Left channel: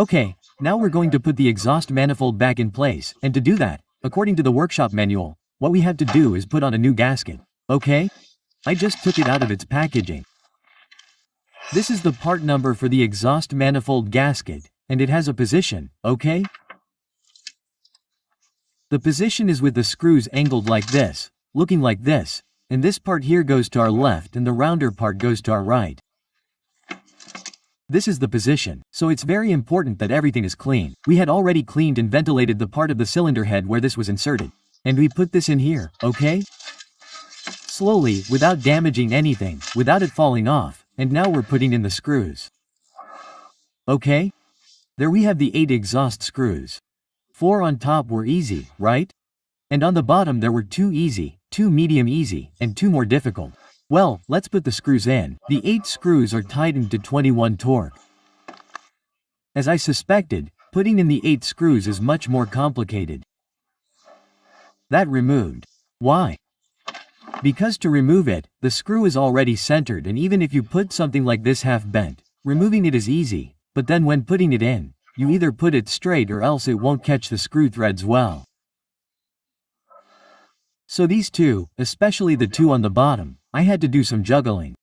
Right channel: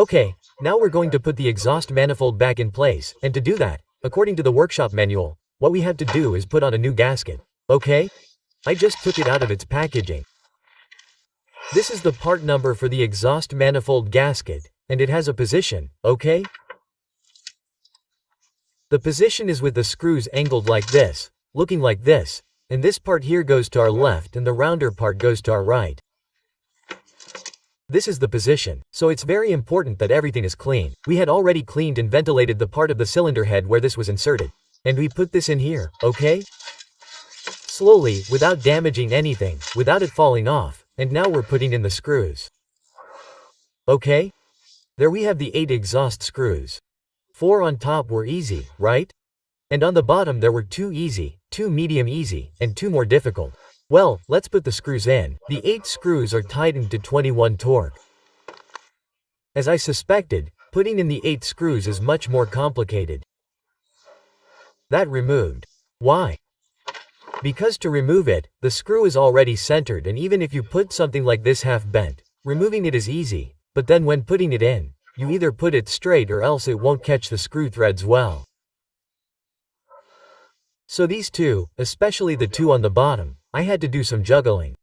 Okay, now we're going to put the exhaust manifold back in place, and to do that, according to the workshop manual, what we have to do is put on a new gasket. Okay? I just took it out of its packaging. This is the part number for the exhaust manifold gasket, and it has a position, okay? The position is with the screws angled like this, looking like this, and this part here goes to our left and the rounder part goes to our right. This is the position, so it's very important that everything is clean. We had already cleaned and ventilated the part of the cylinder head where this was inserted. And we put this in here, okay? Slowly, without damaging anything, without it falling off, and now we're putting in the screws. Okay? There we have the 8 exhaust screws. 4 on top were easy, right? And on the bottom there were 2 easy, 2 medium easy, and 2 more difficult. Well, let's put the screws in. The 8 screws are tightened to 21 torque. As I suspected, putting in the 8 screws is much more complicated. That removed. Why? Because to remove it, the screw is already centered, and even if you put something like this half bent, removing it is easy, but then when putting it in, you either put it straight or else it won't catch the screw threads well. So these 2, especially the 2 on the bottom, I had to do some juggling.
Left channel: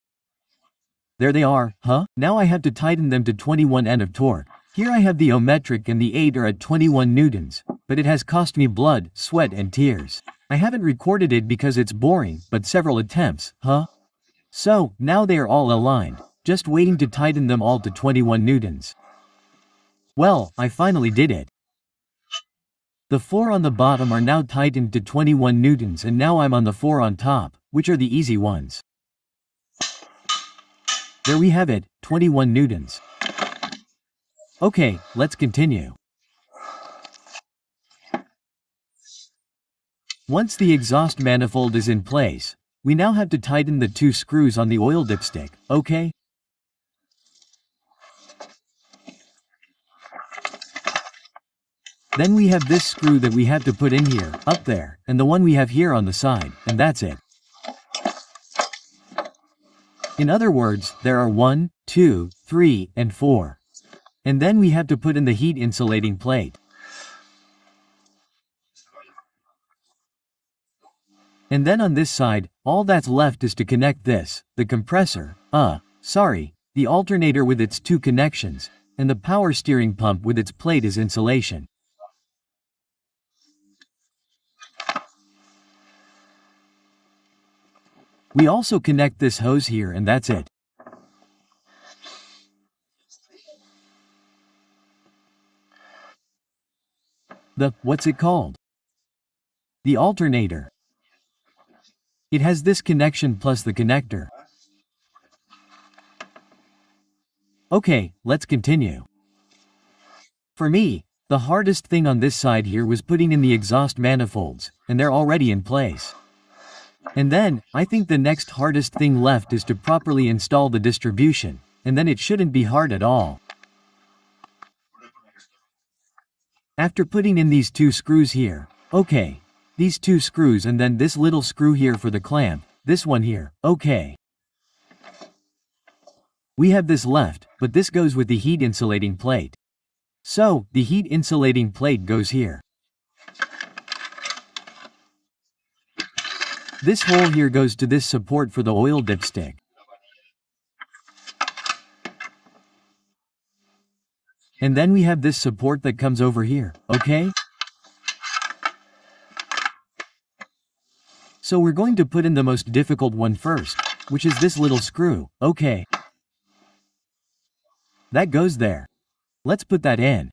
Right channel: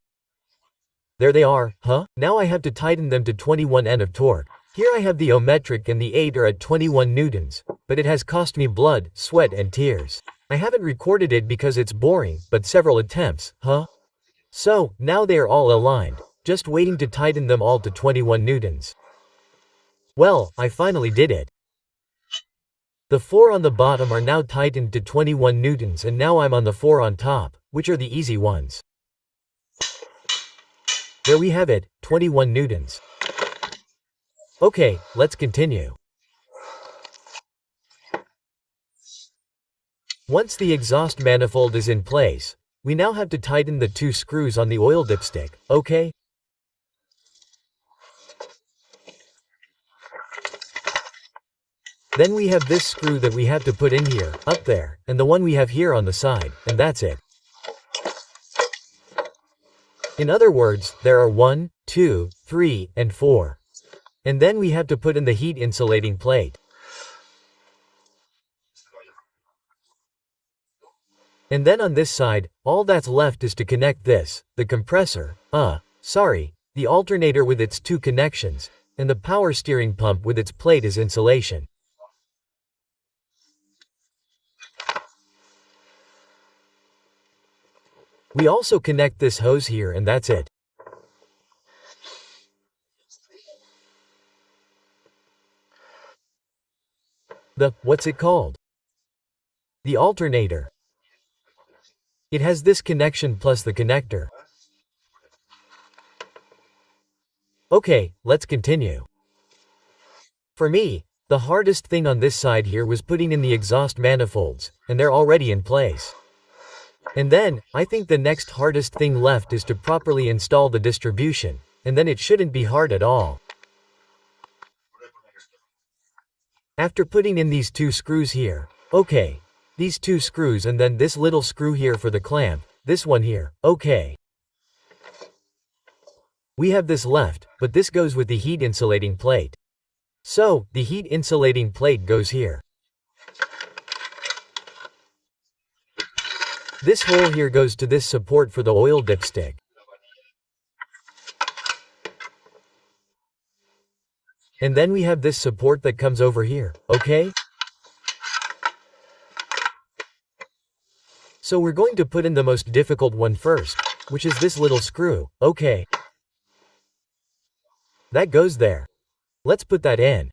There they are, huh? Now I have to tighten them to 21 N of torque. Here I have the ohmmetric and the 8 are at 21 newtons, but it has cost me blood, sweat and tears. I haven't recorded it because it's boring, but several attempts, huh? So, now they are all aligned, just waiting to tighten them all to 21 newtons. Well, I finally did it. The 4 on the bottom are now tightened to 21 newtons and now I'm on the 4 on top, which are the easy ones. There we have it, 21 newtons. Okay, let's continue. Once the exhaust manifold is in place, we now have to tighten the 2 screws on the oil dipstick, okay? Then we have this screw that we had to put in here, up there, and the one we have here on the side, and that's it. In other words, there are 1, 2, 3, and 4. And then we have to put in the heat insulating plate. And then on this side, all that's left is to connect this, the compressor, the alternator with its 2 connections, and the power steering pump with its plate as insulation. We also connect this hose here and that's it. What's it called? The alternator. It has this connection plus the connector. Okay, let's continue. For me, the hardest thing on this side here was putting in the exhaust manifolds, and they're already in place. And then, I think the next hardest thing left is to properly install the distribution, and then it shouldn't be hard at all. After putting in these 2 screws here, okay, these 2 screws and then this little screw here for the clamp, this one here, okay. We have this left, but this goes with the heat insulating plate. So, the heat insulating plate goes here. This hole here goes to this support for the oil dipstick. And then we have this support that comes over here, okay? So we're going to put in the most difficult one first, which is this little screw, okay? That goes there. Let's put that in.